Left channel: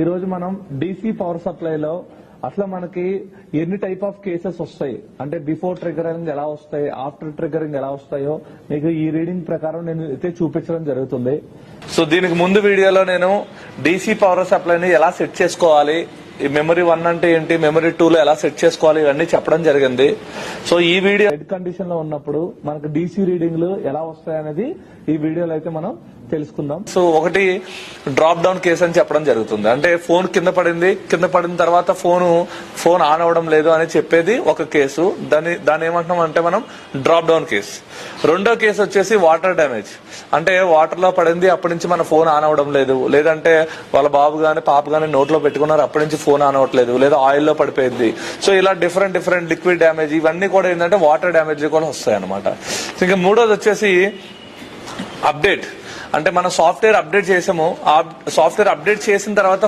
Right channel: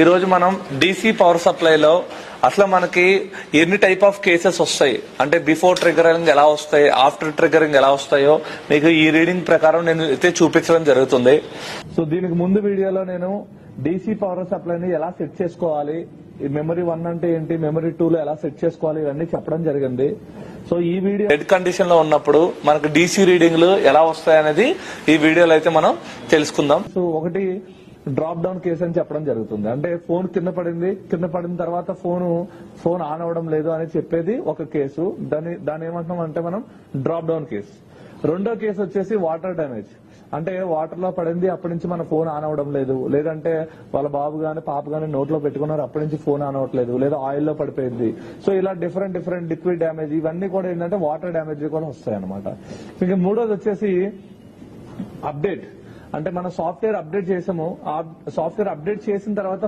ఈ రోజు మనం డీసీ పవర్ సప్లైలో అసలు మనకి ఎన్ని టైప్ ఆఫ్ కేసెస్ వస్తాయి అంటే బిఫోర్ ట్రిగరింగ్ ఎలా వస్తాయి, ఆఫ్టర్ ట్రిగరింగ్ ఎలా వస్తాయో మీకు ఈ రీడింగ్ ప్రకారం నేను అయితే చూపించడం జరుగుతుంది. సో దీనికి ముందు వీడియోలో నేను డీసీ పవర్ సప్లైని ఎలా సెట్ చేసుకోవాలి, ఈ మెమరీ 1 అంటే ఏంటి, మెమరీ 2లో ఎలా సెట్ చేసుకోవాలి, ఇవన్నీ చెప్పడం జరిగింది. సో ఈ వీడియో డెడ్ కండిషన్ లో ఉన్నప్పుడు మనకు డీసీ రీడింగ్లు ఎలా వస్తాయనేది ఈ వీడియోలో అయితే మనం తెలుసుకుందాం. సో ఒకటి డ్రాప్ డౌన్ కేసు అని చెప్పడం జరుగుతుంది. అంటే ఫోన్ కింద పడిన తర్వాత ఫోన్ ఆన్ అవ్వడం లేదు అని చెప్పేది ఒక కేసు. దాన్ని ఏమంటున్నాం అంటే మనం డ్రాప్ డౌన్ కేసు. రెండో కేసు వచ్చేసి వాటర్ డ్యామేజ్. అంటే వాటర్ లో పడింది, అప్పటి నుంచి మన ఫోన్ ఆన్ అవ్వడం లేదు, లేదంటే వాళ్ళ బాబు గాని పాప గాని నోట్లో పెట్టుకున్నారు, అప్పటి నుంచి ఫోన్ ఆన్ అవ్వట్లేదు, లేదా ఆయిల్ లో పడిపోయింది. సో ఇలా డిఫరెంట్ లిక్విడ్ డ్యామేజ్, ఇవన్నీ కూడా ఏంటంటే వాటర్ డ్యామేజ్ కూడా వస్తాయి అనమాట. ఇంకా మూడోది వచ్చేసి అప్డేట్. అంటే మనం సాఫ్ట్వేర్ అప్డేట్ చేసాము, ఆ సాఫ్ట్వేర్ అప్డేట్ చేసిన తర్వాత